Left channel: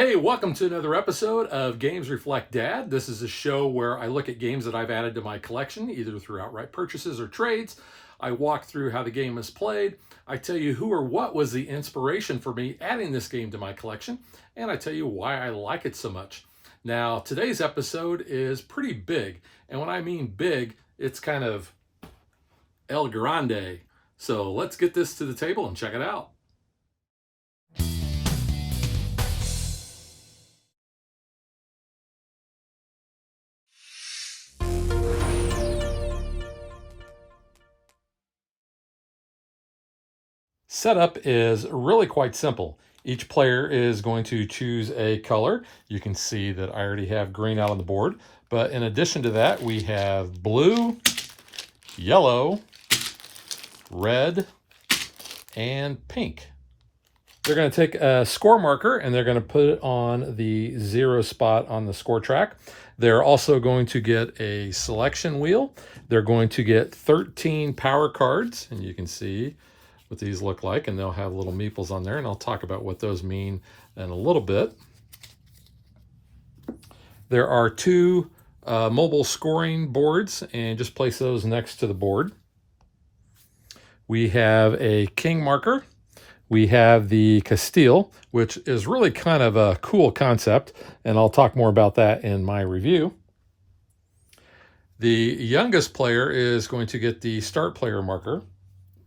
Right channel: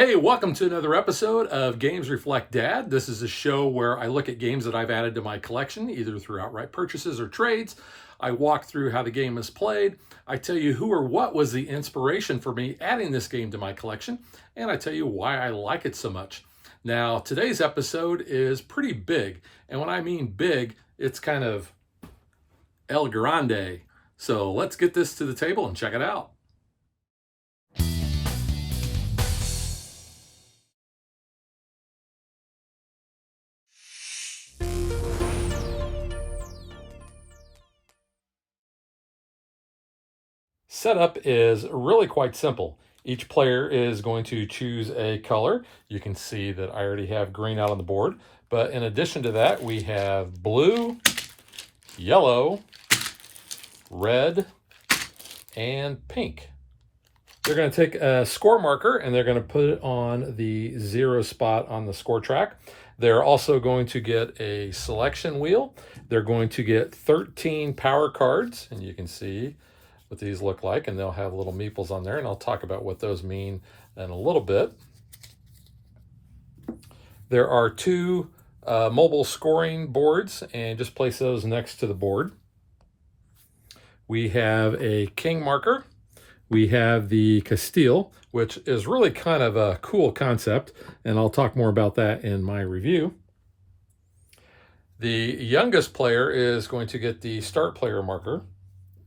Hey, welcome to another episode of Games Reflect Dad. This is a show where I look at games that I've added to my collection, either through outright purchases or trades. I walk through how the game is played. I tell you who or what was the inspiration for me adding this game to my collection, and I tell you why I like it so much. Now, today's episode is pretty big, and when I mean big, it's kind of El Grande. So let's get this to the table and check it out. Setup is really quite simple. Each player is going to choose a color. You can see that I already have green out on the board, but in addition to that, we have blue, yellow, red, and pink. They're going to take a score marker and they're going to put it on the 0 spot on the score track. They're also going to get a selection wheel. They're going to get 13 power cards, and you can see what these look like, and they'll have little meeples on there, and I'll talk about what those mean in a little bit. There are two mobile scoring boards, and just place those next to the board. We have a king marker. We have the Castile, which is really kind of a cool concept, and I'll talk more about that in my review. The youngest player is going to get the start player marker.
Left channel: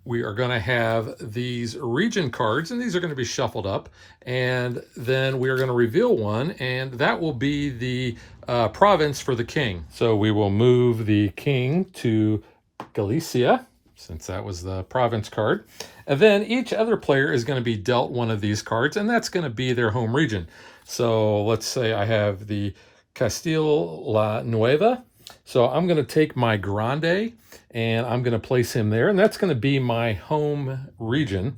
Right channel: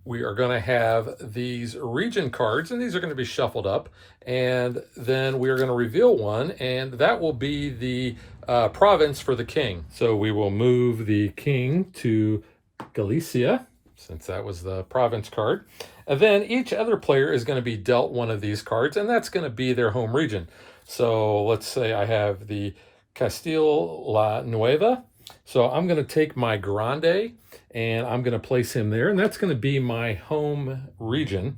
We are going to have these region cards, and these are going to be shuffled up, and then we're going to reveal one, and that will be the province for the king. So we will move the king to Galicia, since that was the province card, and then each other player is going to be dealt one of these cards, and that's going to be their home region. So let's say I have the Castile La Nueva. So I'm going to take my Grande and I'm going to place him there, and that's going to be my home region.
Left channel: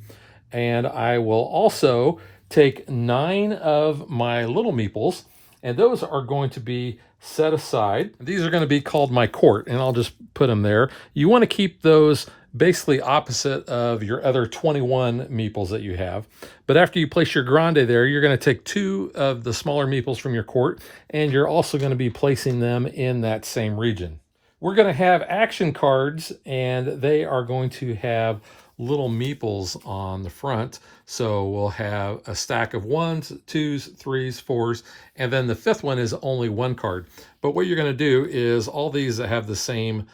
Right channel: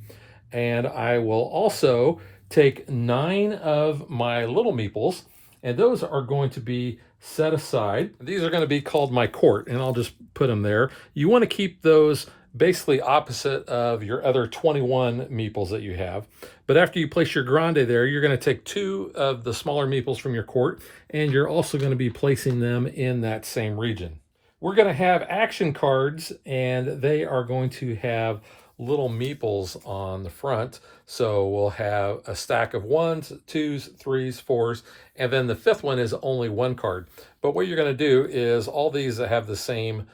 And I will also take 9 of my little meeples, and those are going to be set aside. These are going to be called my court, and I'll just put them there. You want to keep those basically opposite of your other 21 meeples that you have. But after you place your Grande there, you're going to take 2 of the smaller meeples from your court, and you're also going to be placing them in that same region. We're going to have action cards, and they are going to have little meeples on the front. So we'll have a stack of 1s, 2s, 3s, 4s, and then the 5th one is only 1 card. But what you're going to do is all these that have the same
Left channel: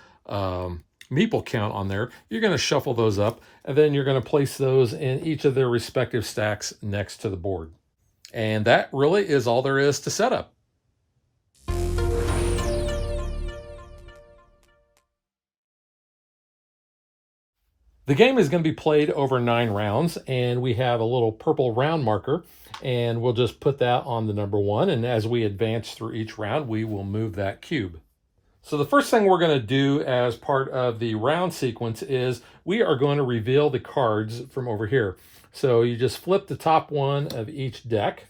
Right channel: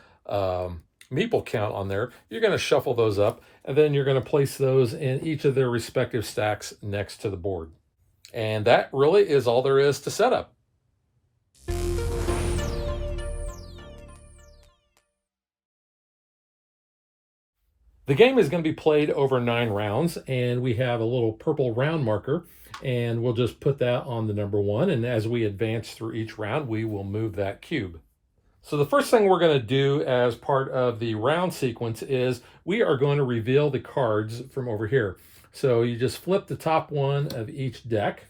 meeple count on there, you're going to shuffle those up, and then you're going to place those in each of their respective stacks next to the board. And that really is all there is to setup. The game is going to be played over 9 rounds, and we have a little purple round marker, and we'll just put that on the number 1, and as we advance through each round, we will move that cube. So the first thing we're going to do as part of the round sequence is we are going to reveal the cards from over here. So you just flip the top one of each deck,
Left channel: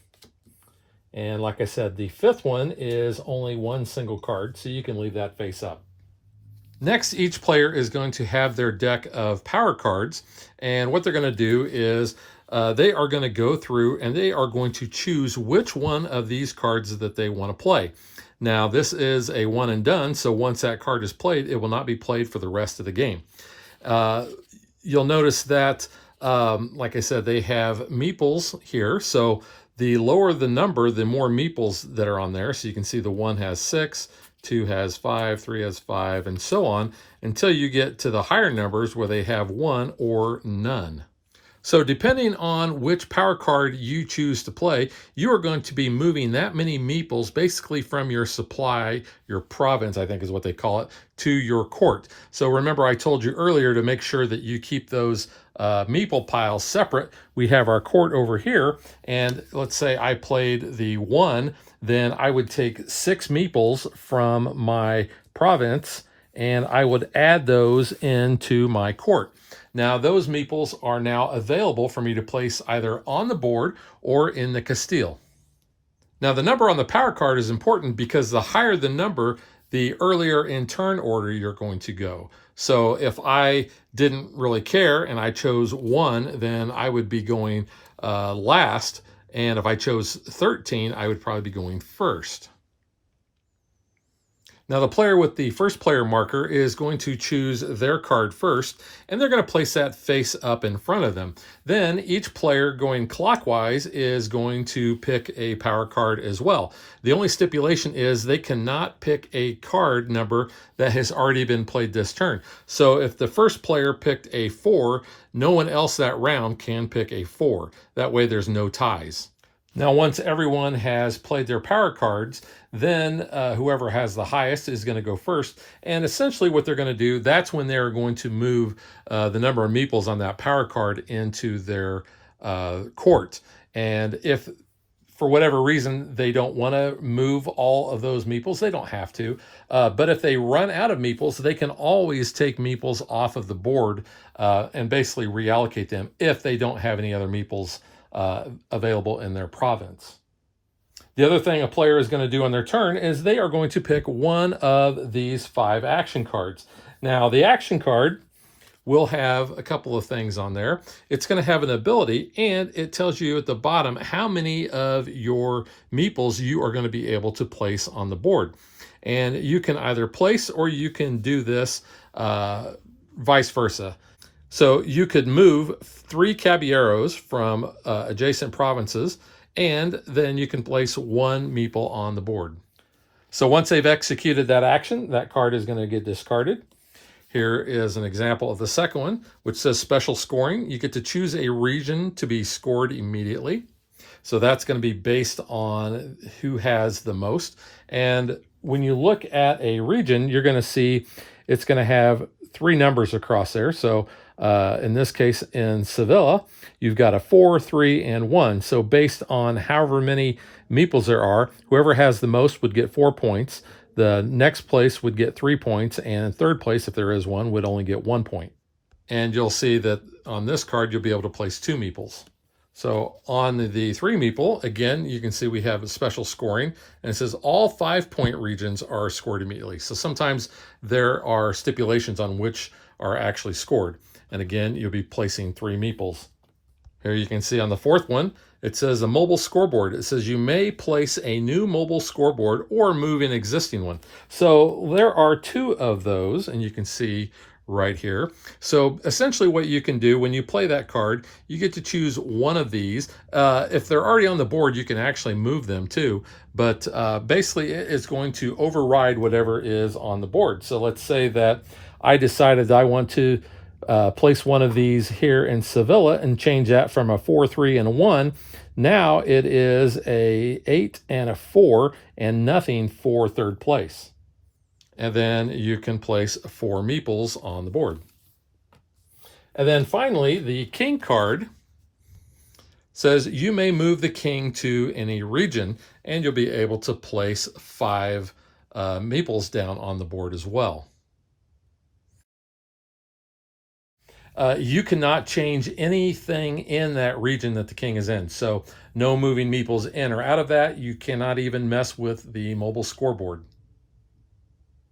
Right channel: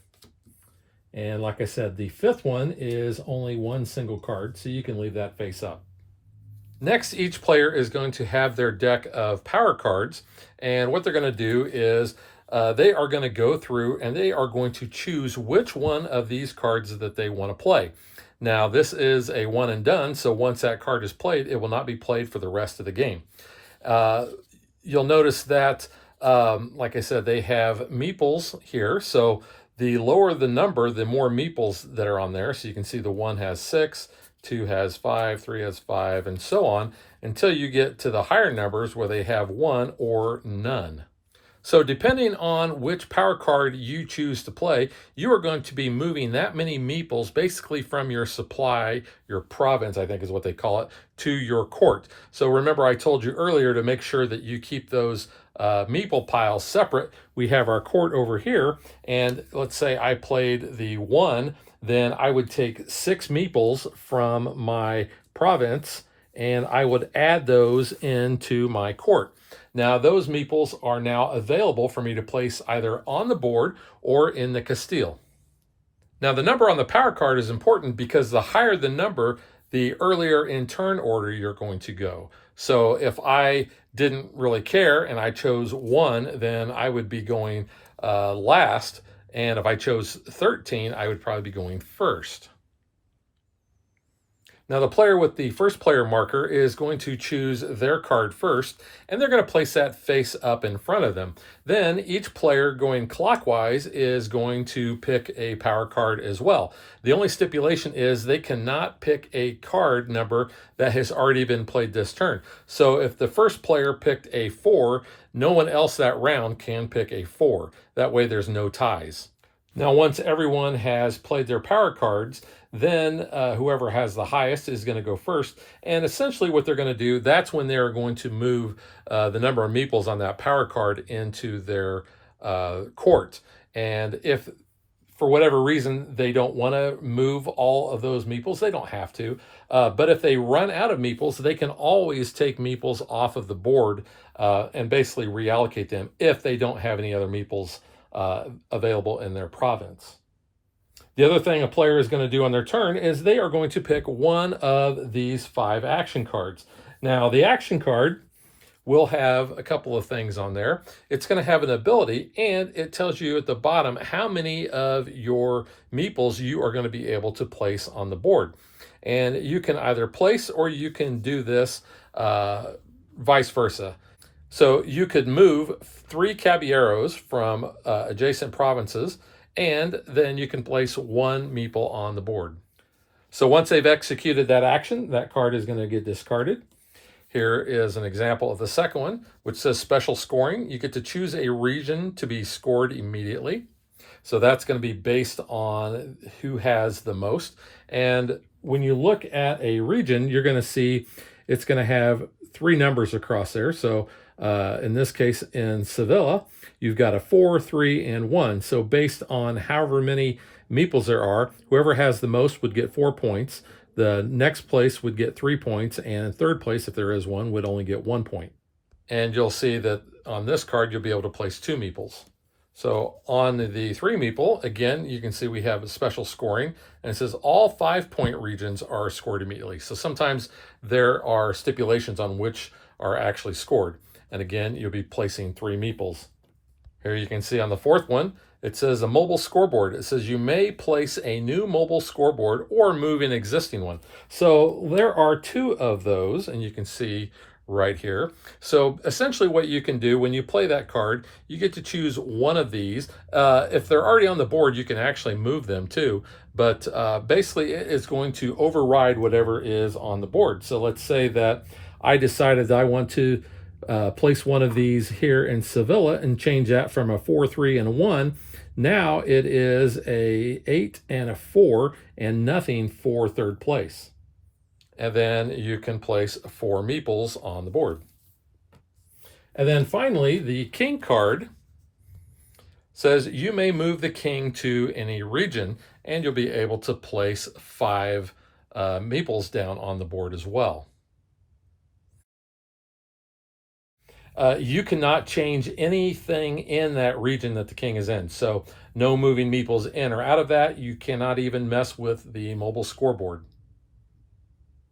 and like I said, the 5th one is only 1 single card, so you can leave that face up. Next, each player is going to have their deck of power cards, and what they're going to do is they are going to go through and they are going to choose which one of these cards that they want to play. Now, this is a one and done, so once that card is played, it will not be played for the rest of the game. You'll notice that, like I said, they have meeples here, so the lower the number, the more meeples that are on there. So you can see the 1 has 6, 2 has 5, 3 has 5, and so on, until you get to the higher numbers where they have 1 or none. So depending on which power card you choose to play, you are going to be moving that many meeples basically from your supply, your province, I think is what they call it, to your court. So remember, I told you earlier to make sure that you keep those meeple piles separate. We have our court over here, and let's say I played the 1, then I would take 6 meeples from my province, and I would add those into my court. Now, those meeples are now available for me to place either on the board or in the Castile. Now, the number on the power card is important because the higher the number, the earlier in turn order you're going to go. So if I didn't really care and I chose 1, then I would be going last, And if I chose 13, I would probably be going first. Now, the player with the first player marker is going to choose their card first, and they're going to place that face up in front of them. Then each player going clockwise is going to pick a power card as well. The only stipulation is they cannot pick a card number that has already been played this turn. So if the first player picked a 4, no one else that round can pick a 4. That way there's no ties. Now, once everyone has played their power cards, then whoever has the highest is going to go first. And essentially what they're going to do, that's when they're going to move the number of meeples on that power card into their court. And if for whatever reason they don't want to move all of those meeples, they don't have to. But if they run out of meeples, they can always take meeples off of the board and basically reallocate them if they don't have any other meeples available in their province. The other thing a player is going to do on their turn is they are going to pick one of these 5 action cards. Now, the action card will have a couple of things on there. It's going to have an ability, and it tells you at the bottom how many of your meeples you are going to be able to place on the board. And you can either place or you can do this vice versa. So you could move 3 caballeros from adjacent provinces, and then you can place 1 meeple on the board. So once they've executed that action, that card is going to get discarded. Here is an example of the second one, which says special scoring. You get to choose a region to be scored immediately. So that's going to be based on who has the most. And when you look at a region, you're going to see it's going to have 3 numbers across there. So in this case, in Sevilla, you've got a 4, 3, and 1. So based on however many meeples there are, whoever has the most would get 4 points. The next place would get 3 points, and in third place, if there is one, would only get 1 point. And you'll see that on this card, you'll be able to place 2 meeples. So on the 3 meeple, again, you can see we have a special scoring, and it says all 5-point regions are scored immediately. So sometimes there are stipulations on which are actually scored. And again, you'll be placing 3 meeples. Here you can see on the 4th one, it says a mobile scoreboard. It says you may place a new mobile scoreboard or move an existing one. So there are 2 of those, and you can see right here. So essentially what you can do when you play that card, you get to choose one of these. If they're already on the board, you can actually move them too. But basically it's going to override whatever is on the board. So let's say that I decided that I want to place one of these here in Sevilla and change that from a 4, 3, and a 1. Now it is a 8 and a 4 and nothing for third place. And then you can place 4 meeples on the board. And then finally, the king card says you may move the king to any region, and you'll be able to place 5 meeples down on the board as well. You cannot change anything in that region that the king is in. So no moving meeples in or out of that. You cannot even mess with the mobile scoreboard.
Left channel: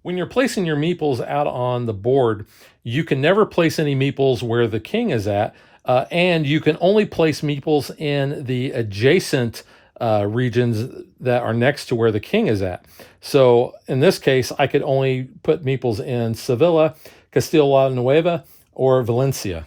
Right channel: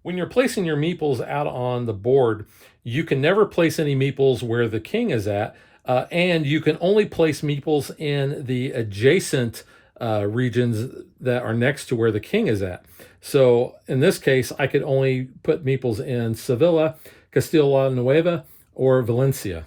When you're placing your meeples out on the board, you can never place any meeples where the king is at, and you can only place meeples in the adjacent regions that are next to where the king is at. So in this case, I could only put meeples in Sevilla, Castilla la Nueva, or Valencia.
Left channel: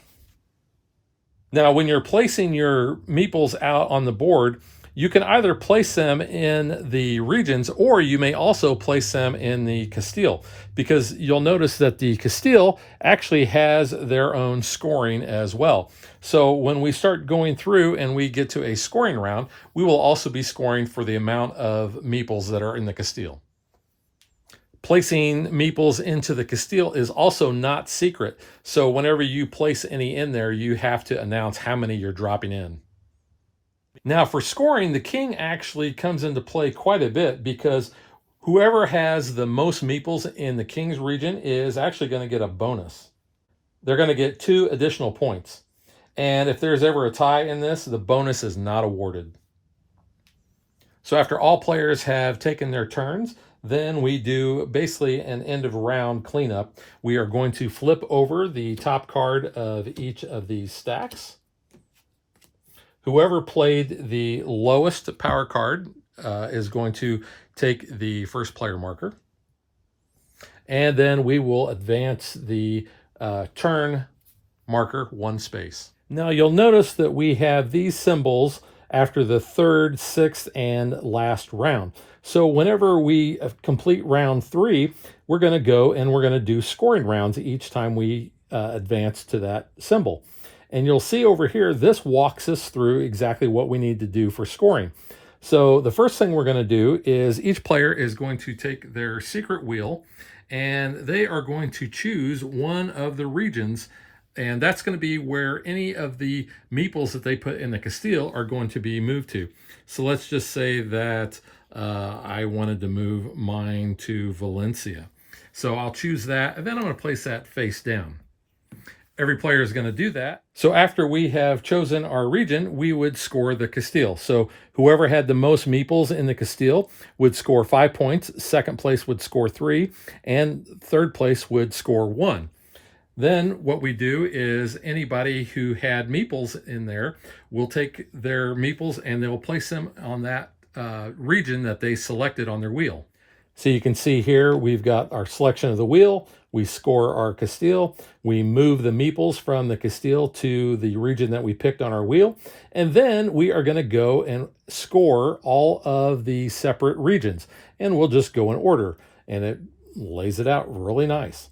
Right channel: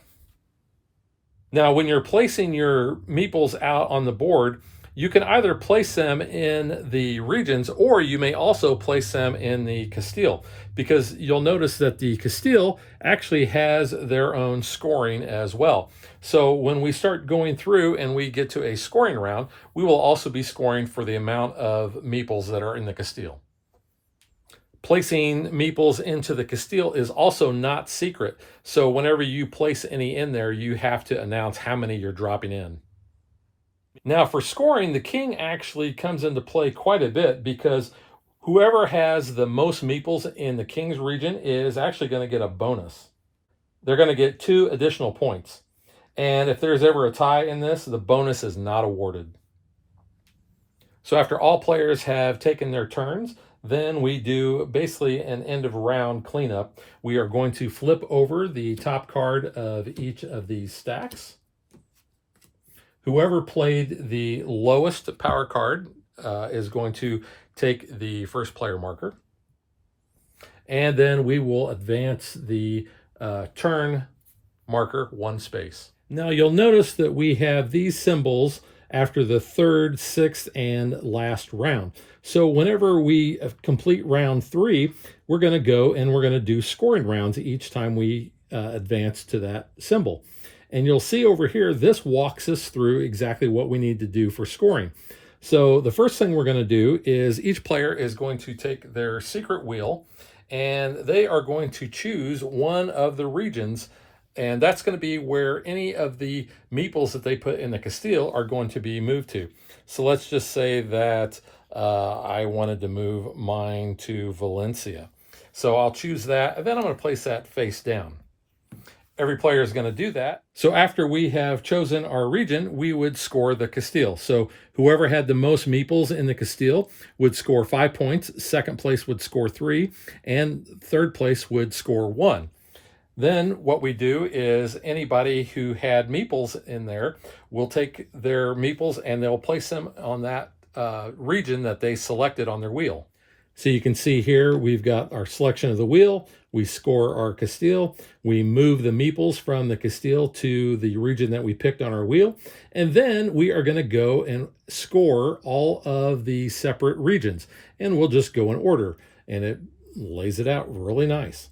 Now, when you're placing your meeples out on the board, you can either place them in the regions, or you may also place them in the Castile, because you'll notice that the Castile actually has their own scoring as well. So when we start going through and we get to a scoring round, we will also be scoring for the amount of meeples that are in the Castile. Placing meeples into the Castile is also not secret. So whenever you place any in there, you have to announce how many you're dropping in. Now for scoring, the king actually comes into play quite a bit, because whoever has the most meeples in the king's region is actually going to get a bonus. They're going to get 2 additional points. And if there's ever a tie in this, the bonus is not awarded. So after all players have taken their turns, then we do basically an end of round cleanup. We are going to flip over the top card of each of these stacks. Whoever played the lowest power card is going to take the first player marker. And then we will advance the turn marker 1 space. Now you'll notice that we have these symbols after the third, sixth, and last round. So whenever we complete round 3, we're going to go and we're going to do scoring rounds each time we advance to that symbol. And you'll see over here, this walks us through exactly what we need to do for scoring. So the first thing we're going to do is each player is going to take their secret wheel and they are going to choose one of the regions, and that's going to be where any of the meeples that they put in the Castile are going to be moved to. So let's just say that I wanted to move mine to Valencia. So I'll choose that, and then I'm going to place that face down. Every player is going to do that. So after we have chosen our region, we would score the Castile. So whoever had the most meeples in the Castile would score 5 points. Second place would score 3, and third place would score 1. Then what we do is anybody who had meeples in there will take their meeples and they'll place them on that region that they selected on their wheel. So you can see here we've got our selection of the wheel. We score our Castile. We move the meeples from the Castile to the region that we picked on our wheel. And then we are going to go and score all of the separate regions. And we'll just go in order. And it lays it out really nice.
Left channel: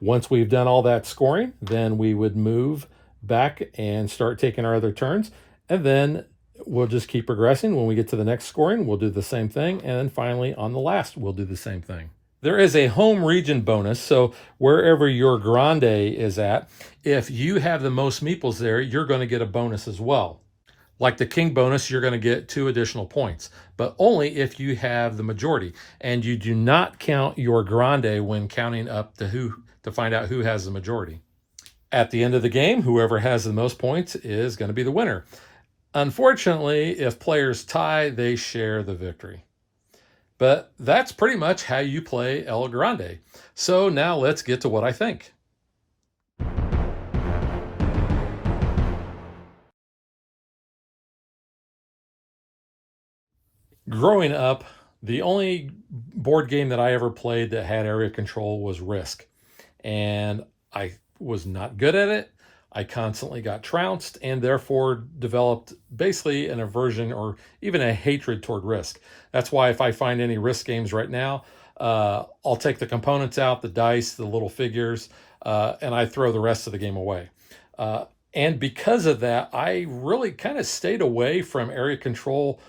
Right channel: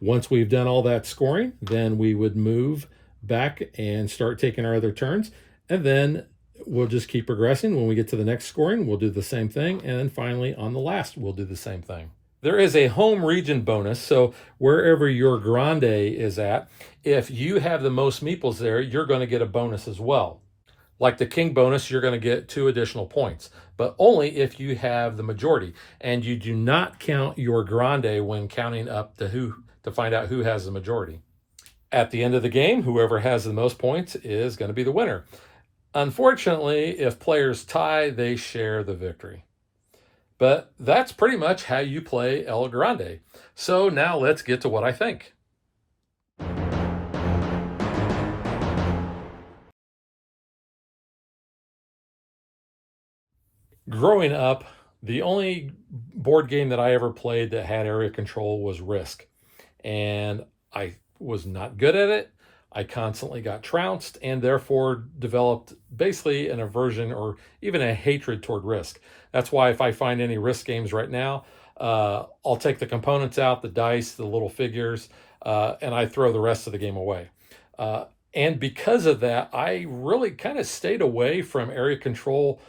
Once we've done all that scoring, then we would move back and start taking our other turns. And then we'll just keep progressing. When we get to the next scoring, we'll do the same thing. And then finally, on the last, we'll do the same thing. There is a home region bonus. So wherever your Grande is at, if you have the most meeples there, you're going to get a bonus as well. Like the king bonus, you're going to get 2 additional points, but only if you have the majority. And you do not count your Grande when counting up to find out who has the majority. At the end of the game, whoever has the most points is going to be the winner. Unfortunately, if players tie, they share the victory. But that's pretty much how you play El Grande. So now let's get to what I think. Growing up, the only board game that I ever played that had area control was Risk. And I was not good at it. I constantly got trounced and therefore developed basically an aversion or even a hatred toward Risk. That's why if I find any Risk games right now, I'll take the components out, the dice, the little figures, and I throw the rest of the game away. And because of that, I really kind of stayed away from area control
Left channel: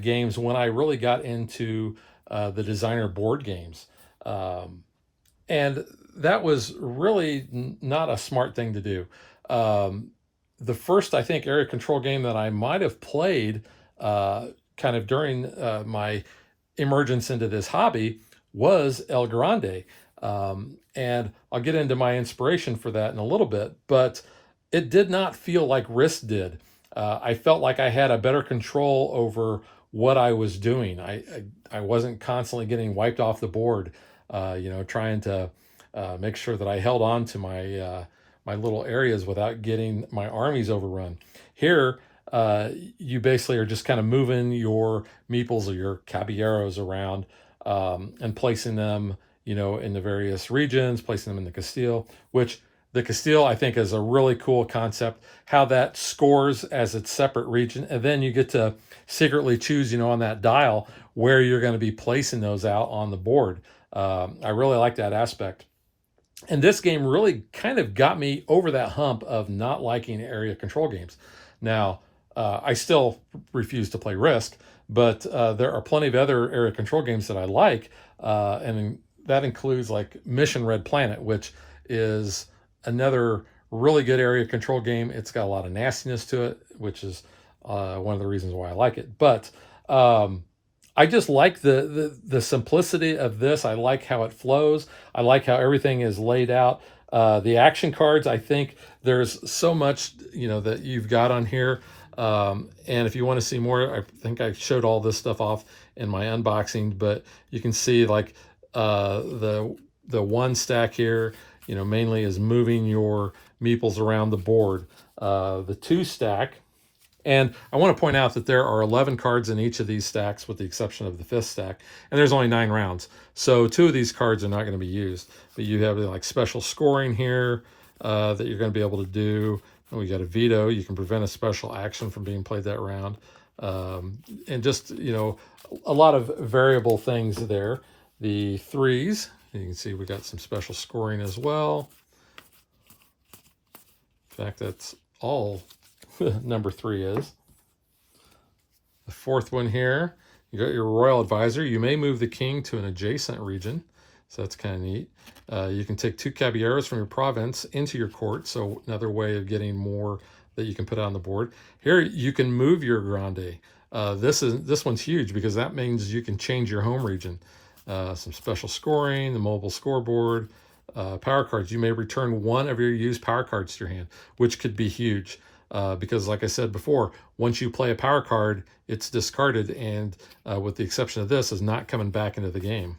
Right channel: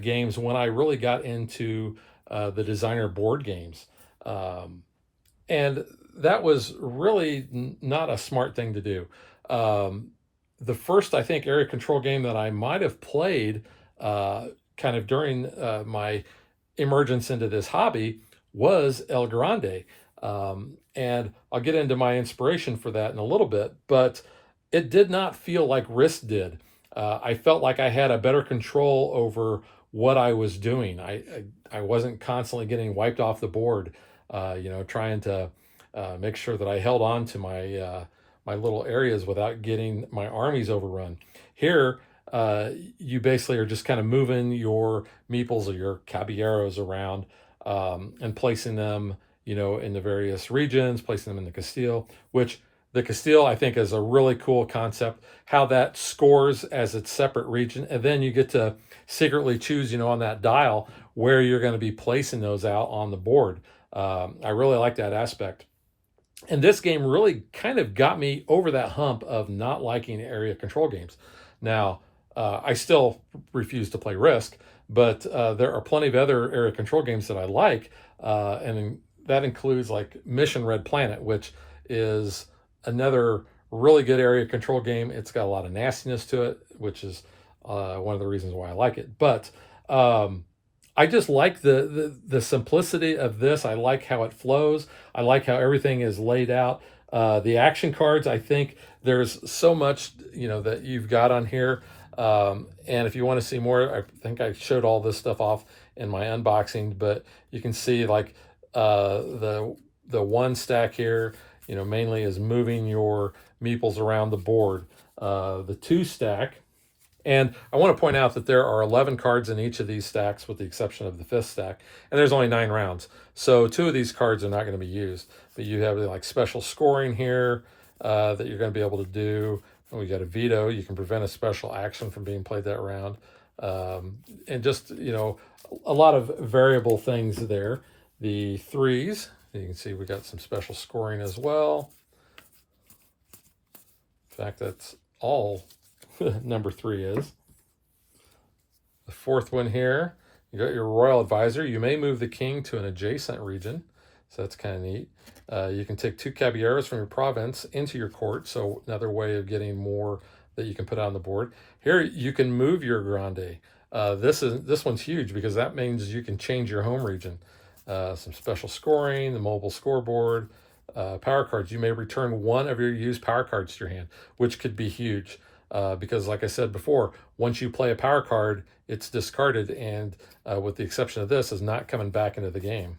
games when I really got into the designer board games. And that was really not a smart thing to do. The first, I think, area control game that I might have played kind of during my emergence into this hobby was El Grande. And I'll get into my inspiration for that in a little bit, but it did not feel like Risk did. I felt like I had a better control over what I was doing. I wasn't constantly getting wiped off the board, trying to make sure that I held on to my little areas without getting my armies overrun. Here, you basically are just kind of moving your meeples or your caballeros around and placing them, in the various regions, placing them in the Castile, which the Castile, I think, is a really cool concept, how that scores as its separate region. And then you get to secretly choose, on that dial where you're going to be placing those out on the board. I really like that aspect. And this game really kind of got me over that hump of not liking area control games. Now, I still refuse to play Risk, but there are plenty of other area control games that I like. And that includes like Mission Red Planet, which is another really good area control game. It's got a lot of nastiness to it, which is one of the reasons why I like it. But I just like the simplicity of this. I like how it flows. I like how everything is laid out. The action cards, I think there's so much, that you've got on here. And if you want to see more, I think I showed all this stuff off in my unboxing, but you can see like the one stack here, mainly is moving your meeples around the board. The 2 stack And I want to point out that there are 11 cards in each of these stacks, with the exception of the fifth stack, and there's only 9 rounds. So 2 of these cards are not going to be used. But you have like special scoring here that you're going to be able to do. And we got a veto. You can prevent a special action from being played that round. And just, a lot of variable things there. The threes, you can see we got some special scoring as well. In fact, that's all number 3 is. The fourth one here, you got your royal advisor. You may move the king to an adjacent region, so that's kind of neat. You can take 2 caballeros from your province into your court, so another way of getting more that you can put on the board. Here you can move your Grande. This one's huge because that means you can change your home region. Some special scoring, the mobile scoreboard, power cards. You may return 1 of your used power cards to your hand, which could be huge. Because like I said before, once you play a power card, it's discarded, and with the exception of this, is not coming back into the game.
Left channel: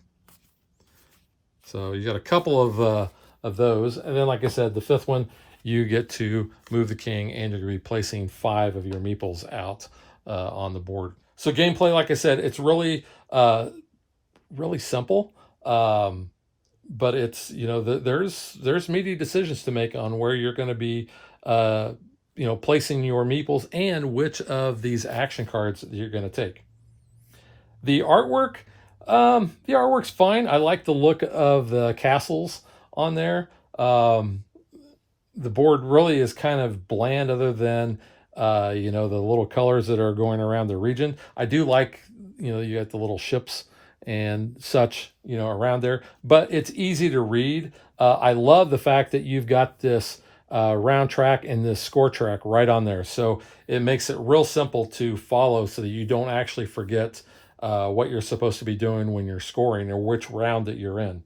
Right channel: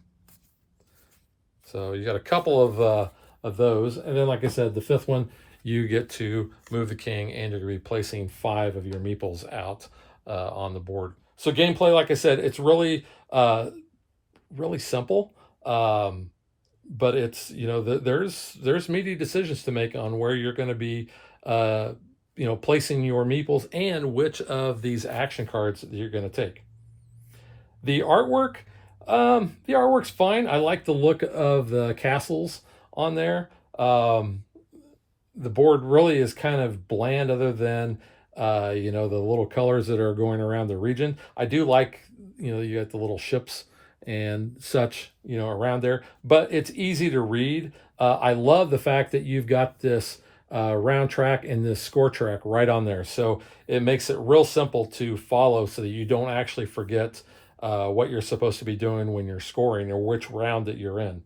So you got a couple of those. And then, like I said, the fifth one, you get to move the king, and you're going to be placing 5 of your meeples out on the board. So gameplay, like I said, it's really, really simple. But it's, there's meaty decisions to make on where you're going to be placing your meeples and which of these action cards that you're going to take. The artwork's fine. I like the look of the castles on there. The board really is kind of bland, other than the little colors that are going around the region. I do like, you got the little ships and such, around there, but it's easy to read. I love the fact that you've got this round track and this score track right on there. So it makes it real simple to follow, so that you don't actually forget what you're supposed to be doing when you're scoring, or which round that you're in.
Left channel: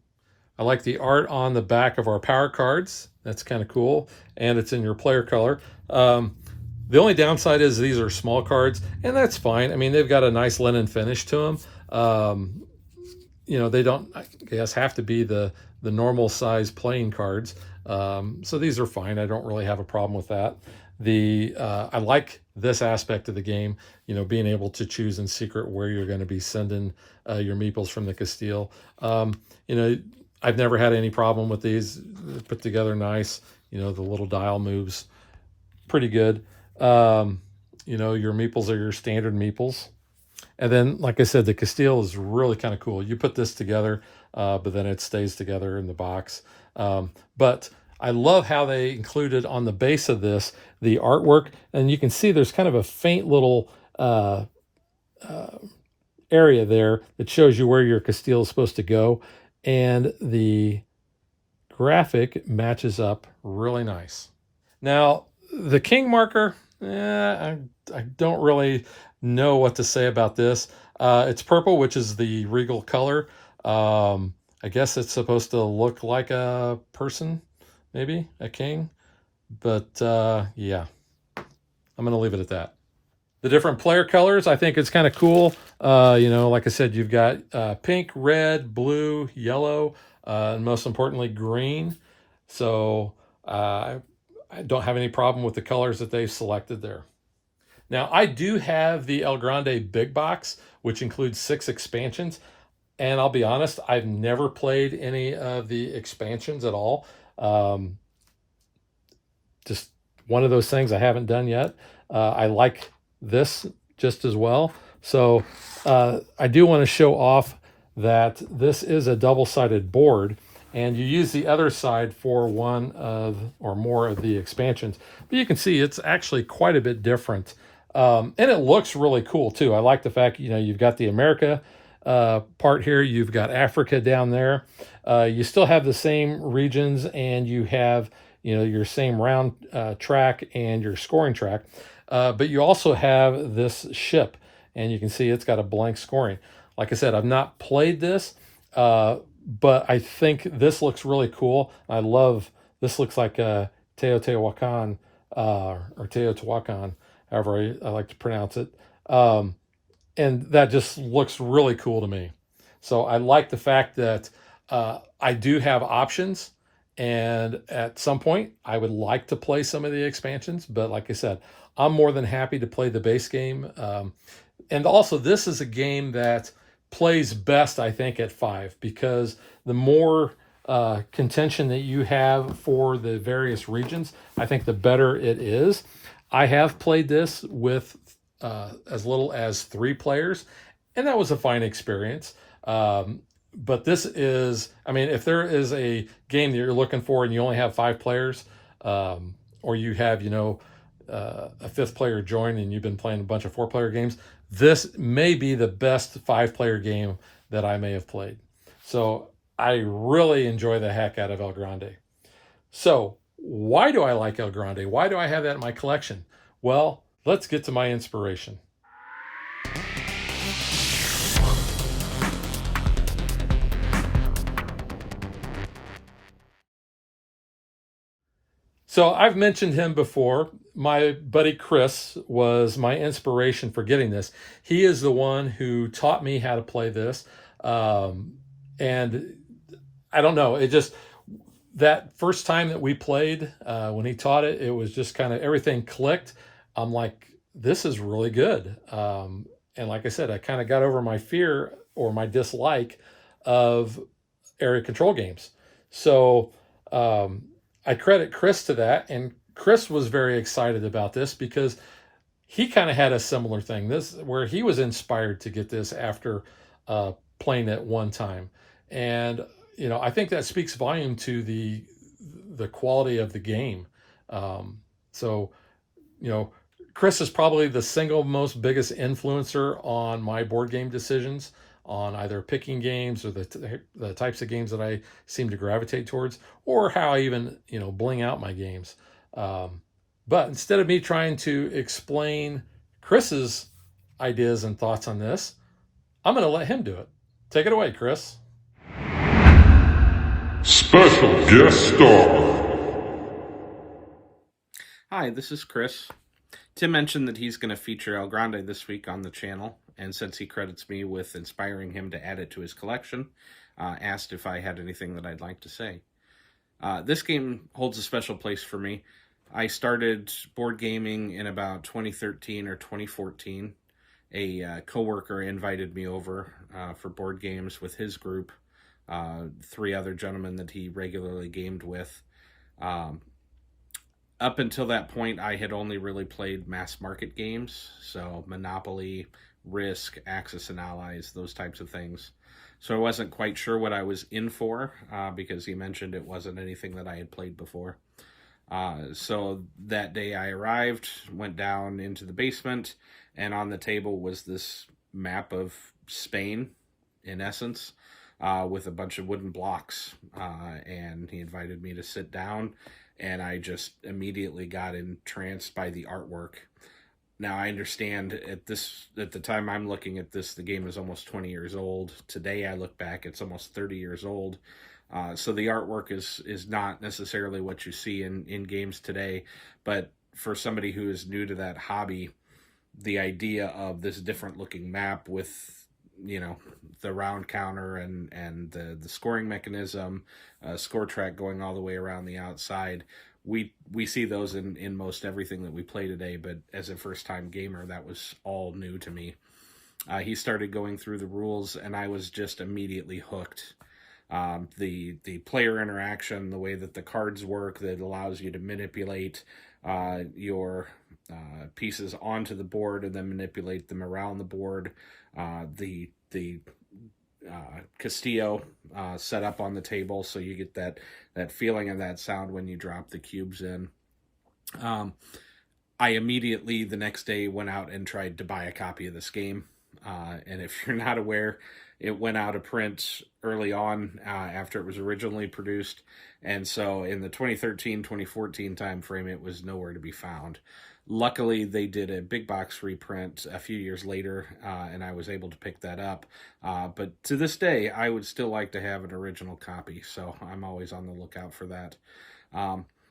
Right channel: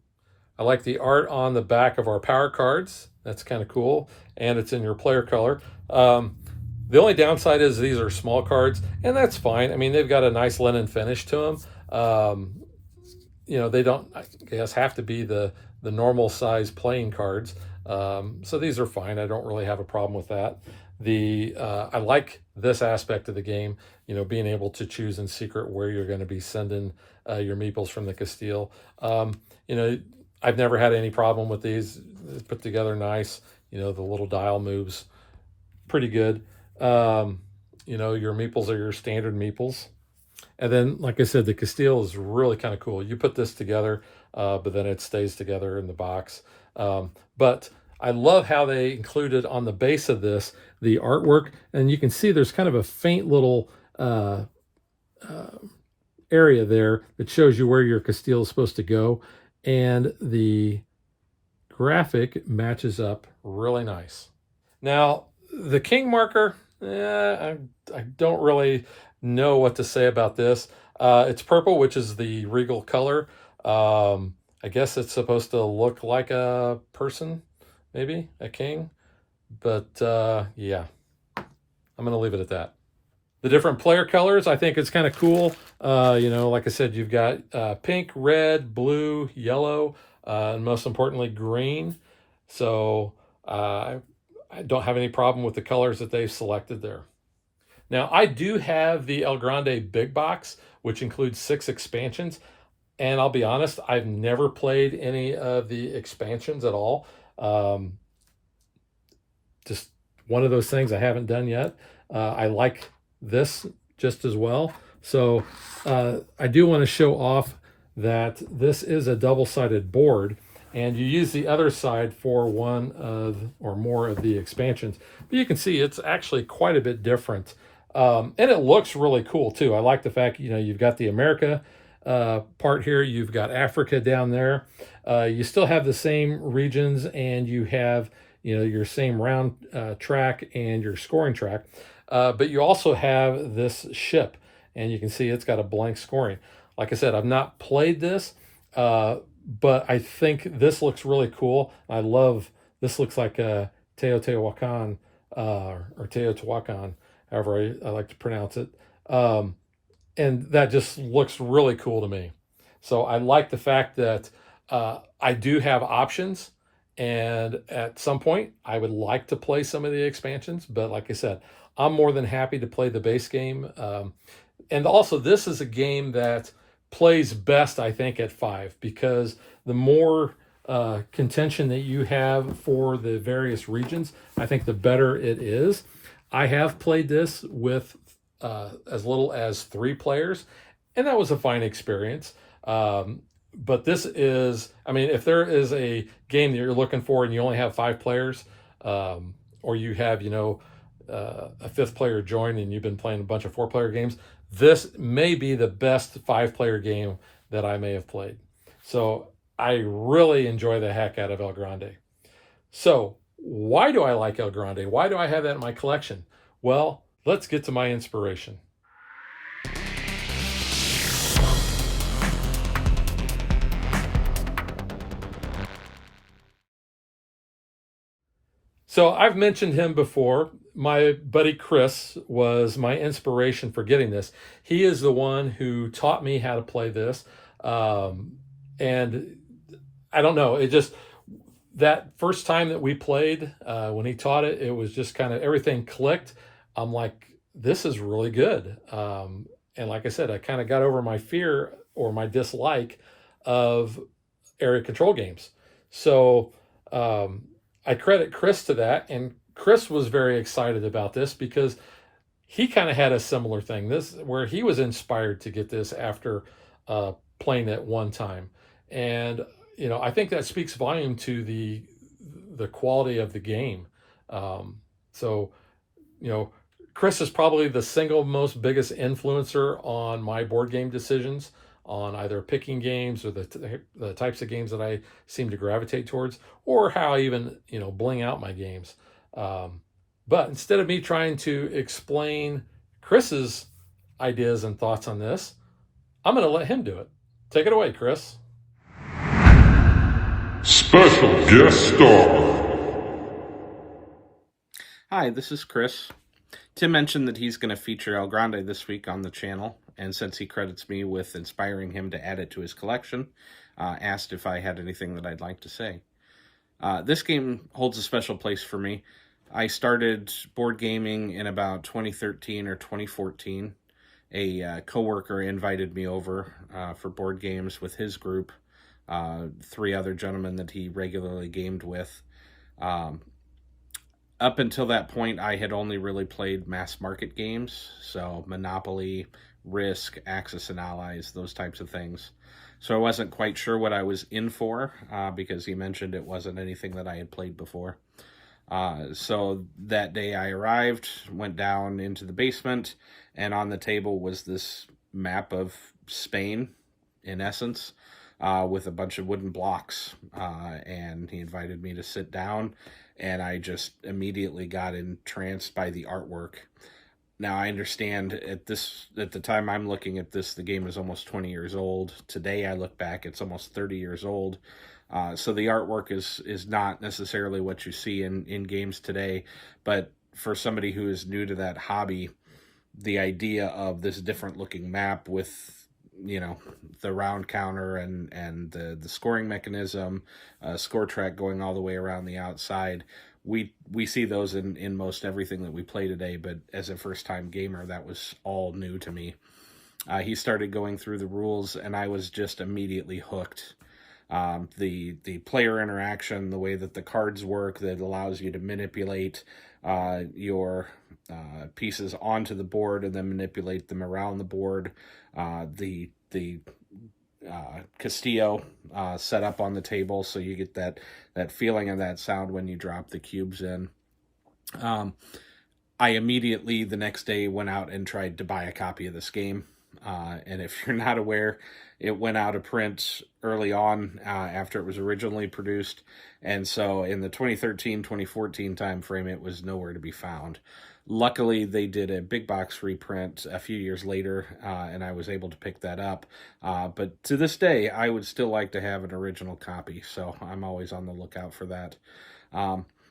I like the art on the back of our power cards. That's kind of cool. And it's in your player color. The only downside is these are small cards, and that's fine. I mean, they've got a nice linen finish to them. They don't, I guess, have to be the normal size playing cards. So these are fine. I don't really have a problem with that. I like this aspect of the game, being able to choose in secret where you're going to be sending your meeples from the Castile. I've never had any problem with these. They're put together nice. The little dial moves pretty good. Your meeples are your standard meeples. And then, like I said, the Castile is really kind of cool. You put this together, but then it stays together in the box. But I love how they included on the base of this the artwork, and you can see there's kind of a faint little area there that shows you where your Castile is supposed to go, and the graphic matches up really nice. Now, the king marker, I don't really know what to say about this. It's purple, which is the regal color. I guess it's supposed to look like a person, maybe a king, but yeah, I'm gonna leave it at that. The different player colors, I think it's kind of cool. Like I said, you've got pink, red, blue, yellow, and most importantly, green. So I don't have any problem with the colors that they've selected there. Now, I do have the El Grande big box, which includes 6 expansions. And I'll be honest, I've never played any of the expansions at all. Just one of those things I haven't done yet. I like this just as well. So I do want to show off that this is a double-sided board, and you use the other side for one of or more of the expansions. But you can see it's actually quite a bit different. And it looks really cool too. I like the fact, you've got the America part here. You've got Africa down there. You still have the same regions, and you have, your same round track and your scoring track. But you also have this ship, and you can see it's got a blank scoring. Like I said, I've not played this, but I think this looks really cool. I love, this looks like a Teotihuacan, or Teotihuacan, however I like to pronounce it. And that just looks really cool to me. So I like the fact that I do have options, and at some point I would like to play some of the expansions, but like I said, I'm more than happy to play the base game. And also, this is a game that plays best, I think, at 5, because the more contention that you have for the various regions, I think the better it is. I have played this with as little as 3 players, and that was a fine experience. But this is, I mean, if there is a game that you're looking for and you only have 5 players, or you have, a 5th player join and you've been playing a bunch of 4-player games, this may be the best 5-player game that I may have played. So I really enjoy the heck out of El Grande. So why do I like El Grande? Why do I have that in my collection? Well, let's get to my inspiration. So I've mentioned him before. My buddy Chris was my inspiration for getting this. He is the one who taught me how to play this. And I don't know, it just, that first time that we played, when he taught it, it was just kind of everything clicked. I'm like, this is really good. And like I said, I kind of got over my fear or my dislike of area control games. So I credit Chris to that, and Chris was very excited about this because he kind of had a similar thing. This where he was inspired to get this after playing it one time, and I think that speaks volume to the quality of the game. So Chris is probably the single most biggest influencer on my board game decisions, on either picking games or the types of games that I seem to gravitate towards, or how I even bling out my games. But instead of me trying to explain Chris's ideas and thoughts on this, I'm going to let him do it. Take it away, Chris. Special guest star. Hi, this is Chris. Tim mentioned that he's going to feature El Grande this week on the channel, and since he credits me with inspiring him to add it to his collection, asked if I had anything that I'd like to say. This game holds a special place for me. I started board gaming in about 2013 or 2014. A coworker invited me over for board games with his group, 3 other gentlemen that he regularly gamed with. Up until that point, I had only really played mass market games, so Monopoly, Risk, Axis and Allies, those types of things. So I wasn't quite sure what I was in for, because he mentioned it wasn't anything that I had played before. So that day I arrived, went down into the basement, and on the table was this map of Spain, in essence, with a bunch of wooden blocks, and he invited me to sit down, and I just immediately got entranced by the artwork. Now, I understand at the time I'm looking at this, the game is almost 20 years old. Today, I look back, it's almost 30 years old. So the artwork is not necessarily what you see in games today, but for somebody who is new to that hobby, the idea of this different looking map with the round counter and the scoring mechanism, score track going all the way around the outside. We see those in most everything that we play today, but as a first-time gamer, that was all new to me. He started going through the rules, and I was just immediately hooked. The player interaction, the way that the cards work, that allows you to manipulate your pieces onto the board and then manipulate them around the board. The Castillo set up on the table, so you get that feeling and that sound when you drop the cubes in. I immediately, the next day, went out and tried to buy a copy of this game. And if you're not aware, it went out of print early on after it was originally produced. And so in the 2013-2014 timeframe, it was nowhere to be found. Luckily, they did a big box reprint a few years later, and I was able to pick that up. But to this day, I would still like to have an original copy, so I'm always on the lookout for that.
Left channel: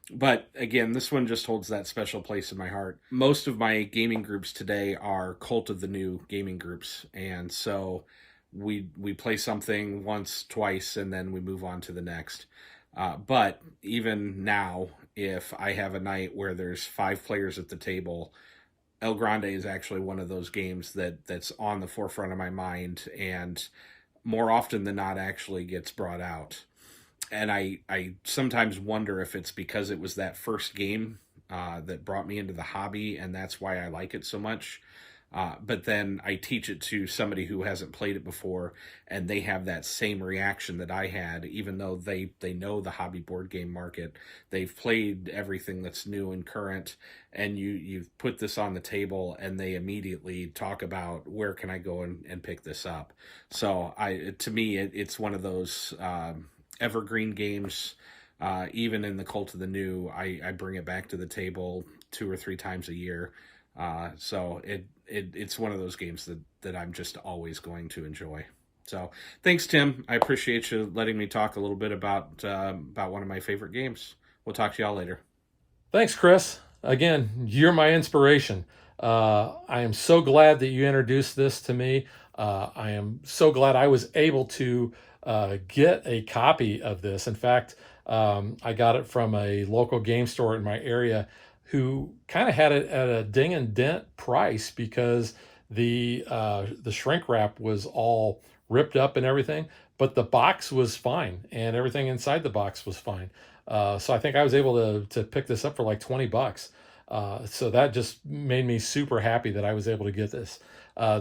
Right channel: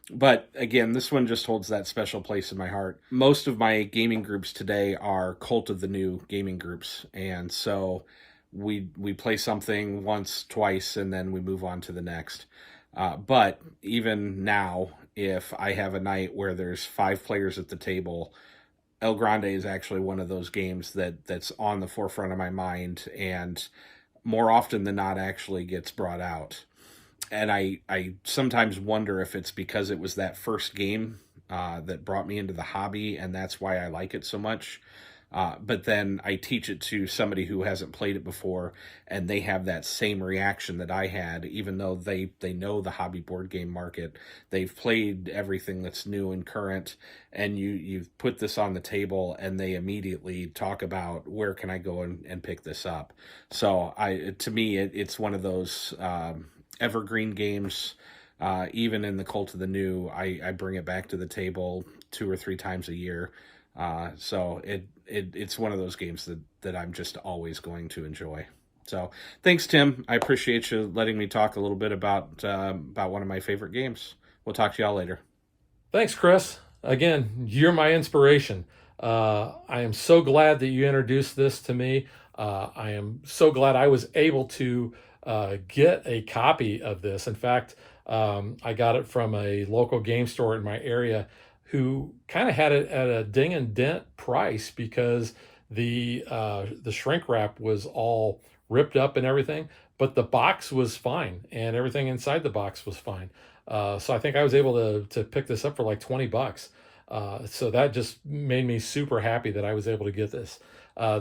But again, this one just holds that special place in my heart. Most of my gaming groups today are Cult of the New gaming groups, and so we play something once, twice, and then we move on to the next. But even now, if I have a night where there's 5 players at the table, El Grande is actually one of those games that's on the forefront of my mind, and more often than not actually gets brought out. And I sometimes wonder if it's because it was that first game that brought me into the hobby, and that's why I like it so much. But then I teach it to somebody who hasn't played it before, and they have that same reaction that I had, even though they know the hobby board game market. They've played everything that's new and current, and you've put this on the table, and they immediately talk about, where can I go and pick this up? So to me, it's one of those evergreen games. Even in the Cult of the New, I bring it back to the table 2 or 3 times a year. So it's one of those games that I'm just always going to enjoy. So thanks, Tim. I appreciate you letting me talk a little bit about one of my favorite games. We'll talk to y'all later. Thanks, Chris. Again, you're my inspiration. I am so glad that you introduced this to me. I am so glad I was able to get a copy of this. In fact, I got it from a local game store in my area who kind of had it at a ding and dent price because the shrink wrap was all ripped up and everything, but the box was fine and everything inside the box was fine. So I think I was able to pick this up for like $20. So that just made me super happy that I was able to get this.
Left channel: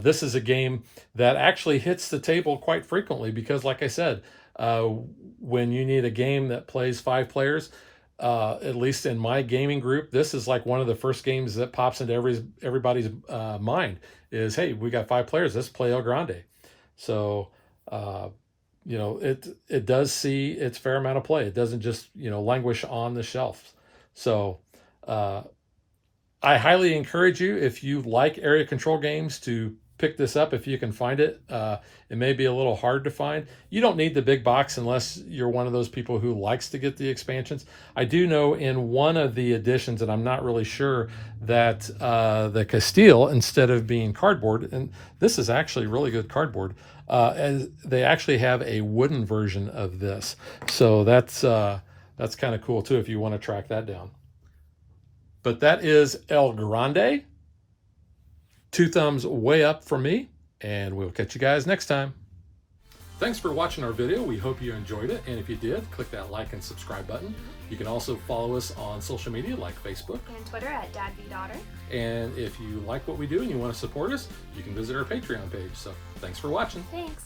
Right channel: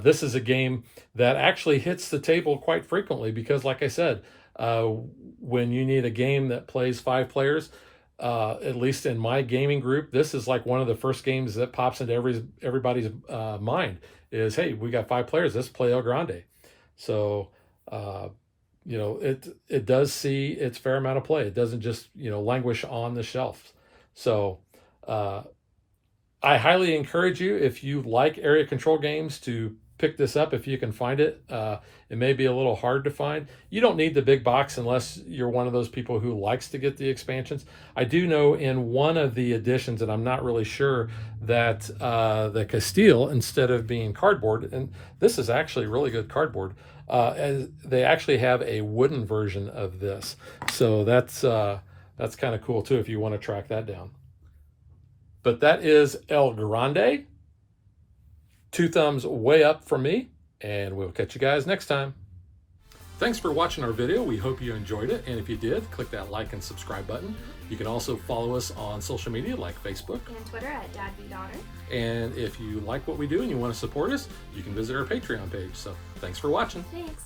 This is a game that actually hits the table quite frequently because, like I said, when you need a game that plays 5 players, at least in my gaming group, this is like one of the first games that pops into everybody's mind is, hey, we got 5 players, let's play El Grande. So it does see its fair amount of play. It doesn't just languish on the shelf. So I highly encourage you, if you like area control games, to pick this up if you can find it. It may be a little hard to find. You don't need the big box unless you're one of those people who likes to get the expansions. I do know in one of the editions, and I'm not really sure, that the Castile, instead of being cardboard, and this is actually really good cardboard, and they actually have a wooden version of this. So that's kind of cool too if you want to track that down. But that is El Grande. 2 thumbs way up from me, and we'll catch you guys next time. Thanks for watching our video. We hope you enjoyed it, and if you did, click that like and subscribe button. You can also follow us on social media like Facebook and Twitter at DadBeDaughter. And if you like what we do and you want to support us, you can visit our Patreon page. So thanks for watching. Thanks.